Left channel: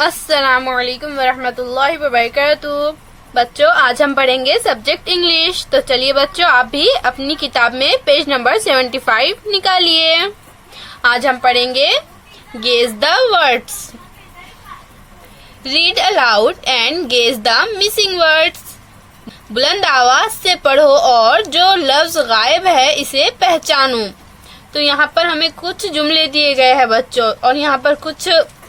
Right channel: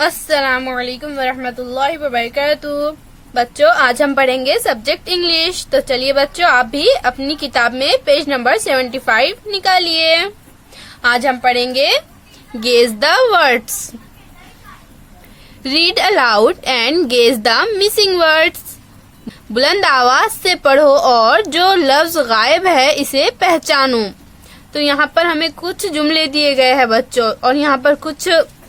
अस्सलामुअलैकुम वरहमतुल्लाहि वबरकातुहू। बच्चों, आज हम पढ़ेंगे सब्जेक्ट इंग्लिश। तो चलिए बच्चों, आप भी अपनी किताब में पेज नंबर 75 निकालिए। आज हम पढ़ेंगे guess the words. Read aloud and guess the missing words. बुलंद आवाज से पढ़ो और जो लफ्ज गायब है इसे पहचानो। तो यहाँ पर हमें कुछ जुमले दिए गए हैं बच्चों, और यहाँ पर कुछ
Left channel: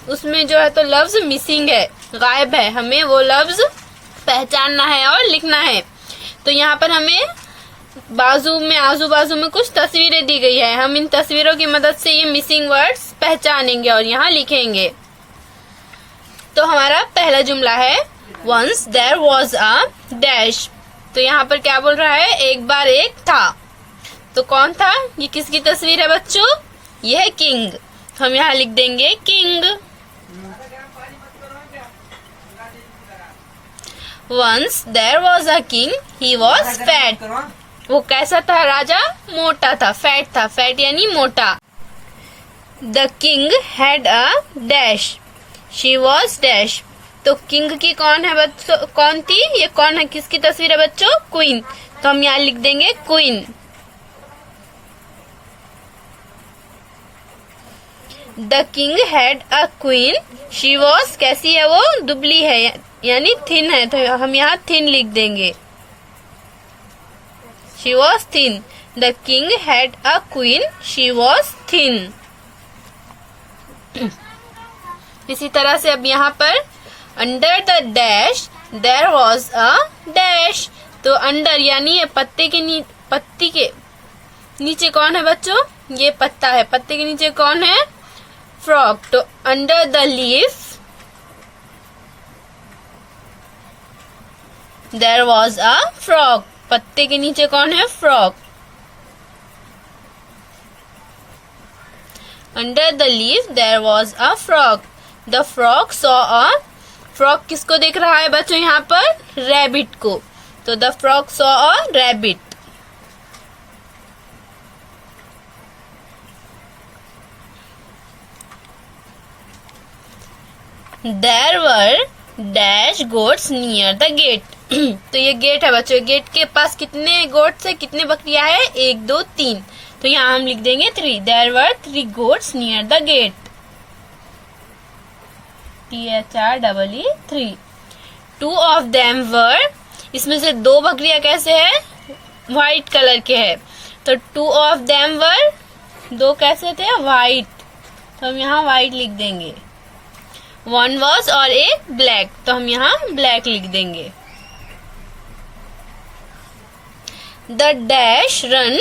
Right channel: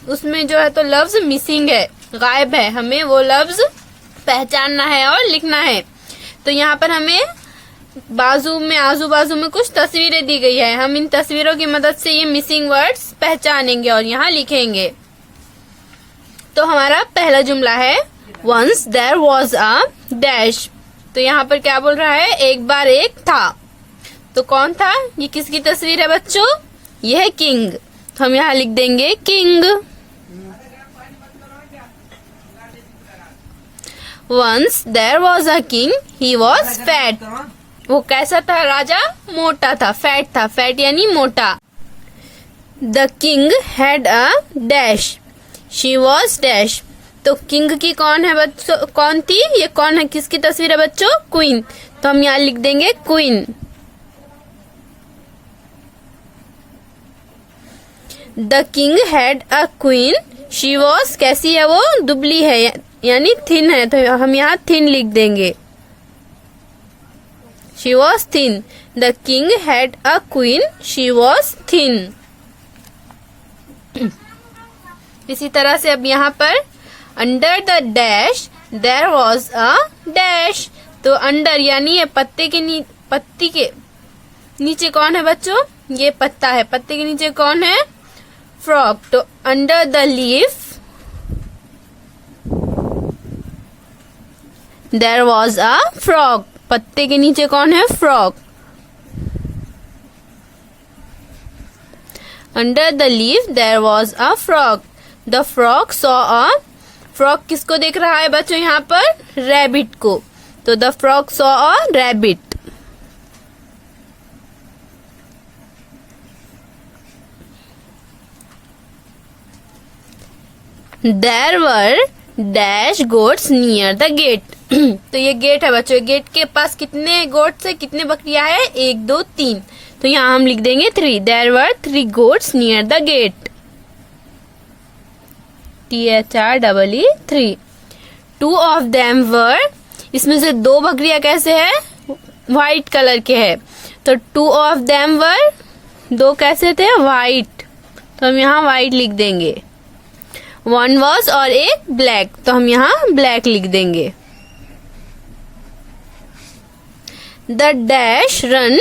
उसमें जो है तो लफ्ज मिसिंग है, गायब है। हमें वो लफ्ज पहचानना है और लिखना है। तो यहाँ पर हमें आजू बाजू में कुछ तस्वीरें दी गई है। हम इन तस्वीरों की मदद से ये मिसिंग वर्ड्स पहचानेंगे और यहाँ लिखेंगे। तो हमारा पहला जुमला है once there was a dash. तो यहाँ पर क्या बोल रहा है? एक बार एक था। तो कौन था? ये किसकी तस्वीर है बच्चों? ये है किंग। तो हम यहाँ लिख देंगे king. Once there was a king, he was fat. वो कैसा था राजा? मोटा था, फैट था। फैट यानी मोटा। The king had a dash, she was dash. तो किंग की कौन है बच्चों? कौन थी? ये कौन है? किसकी तस्वीर है बच्चों? क्वीन। तो हम यहाँ लिख देंगे queen. The king had a queen, she was कैसी है? वो दुबली है यानी थिन है। तो हम यहाँ थिन लिख देंगे। She was thin. The king had a queen, she was thin. इसी तरह से अब यहाँ पर under the dash there was a dash. तो अंडर यानी ये पत्ती के नीचे कौन है बच्चों? ये पत्ता है। पत्ते के नीचे कौन है? फ्रॉग। तो under the leaf there was a frog. पत्ते के नीचे कौन है? Frog. Under the leaf there was a frog. The frog saw a. Frog किसको देख रहा है बच्चों यहाँ पर? रैबिट को। तो the frog saw a rabbit. There were dash goats near the gate। तो ये गेट है बच्चों। गेट के पास कितने गोट्स है? कितने बकरियां है? 1 2 3। तो यहाँ हम लिख देंगे 3। There were 3 goats near the gate। THREE 3। 2 of them were। इसमें से 2 बकरियां कैसे है? व्हाइट कलर के है। तो 2 of them were, 2 कैसे थे? व्हाइट। तो हम यहाँ व्हाइट लिख देंगे। 1 was और एक ब्लैक। तो हम यहाँ ब्लैक लिख देंगे। The dash run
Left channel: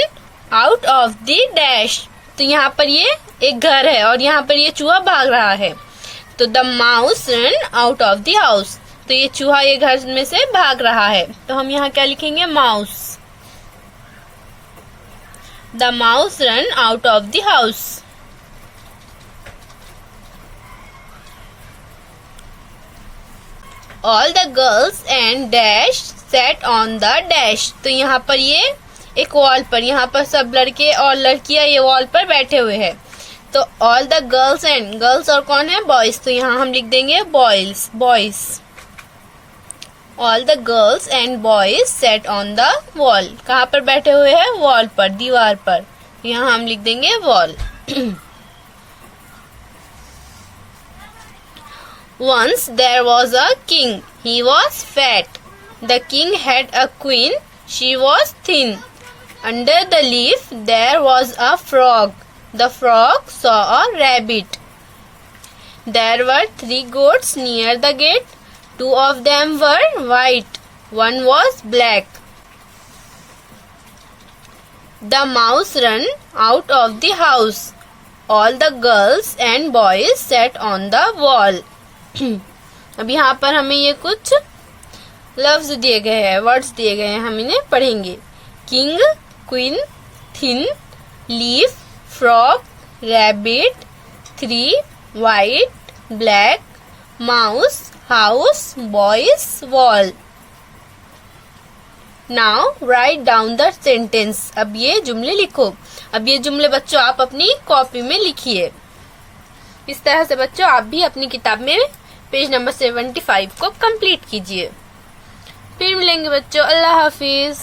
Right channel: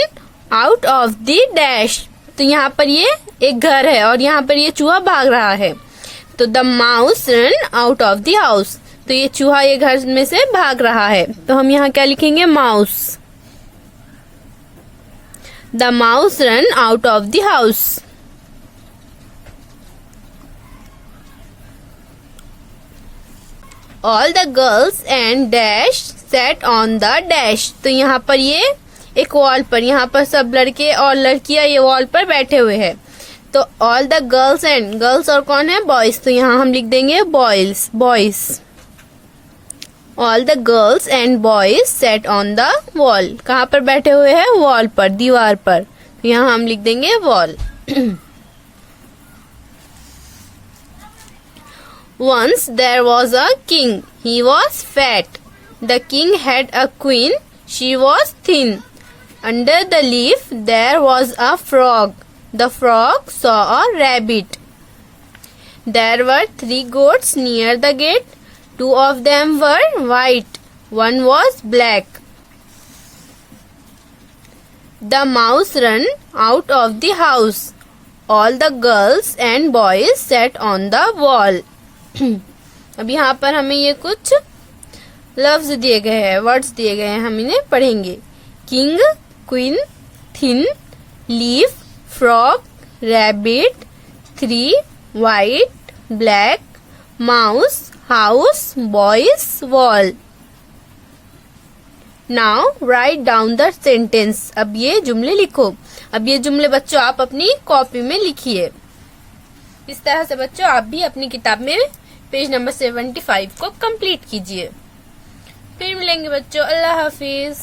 out of the dash. तो यहाँ पर ये एक घर है और यहाँ पर ये चूहा भाग रहा है। तो the mouse run out of the house. तो ये चूहा ये घर में से भाग रहा है। तो हम यहाँ क्या लिखेंगे? Mouse. The mouse run out of the house. All the girls and dash sat on the dash। तो यहाँ पर ये एक वॉल पर, यहाँ पर सब लड़के और लड़कियां ये वॉल पर बैठे हुए हैं। तो all the girls and, girls और कौन है? बॉयज। तो यहाँ हम लिख देंगे boys. All the girls and boys sat on the wall। कहाँ पर बैठे हुए हैं? वॉल पर, दीवार पर। यहाँ हम लिख देंगे wall. Once there was a king, he was fat. The king had a queen, she was thin. Under the leaf there was a frog. The frog saw a rabbit. There were 3 goats near the gate. 2 of them were white, 1 was black. The mouse ran out of the house. All the girls and boys sat on the wall। अब यहाँ पर हमें ये कुछ लफ्ज दिए गए हैं, वर्ड्स दिए गए हैं, हम इन्हें पढ़ेंगे। King, queen, thin, leaf, frog, rabbit, 3, white, black, mouse, house, boys, wall. Now write down the sentence. अब ये जुमले लिखो। अब ये जुमले बच्चों आप अपनी कॉपी में लिखिए। इस तरह से बच्चों आप भी अपनी किताब में पेज नंबर 75 को कंप्लीट कीजिए। फिर मिलेंगे बच्चों, अल्लाह हाफिज।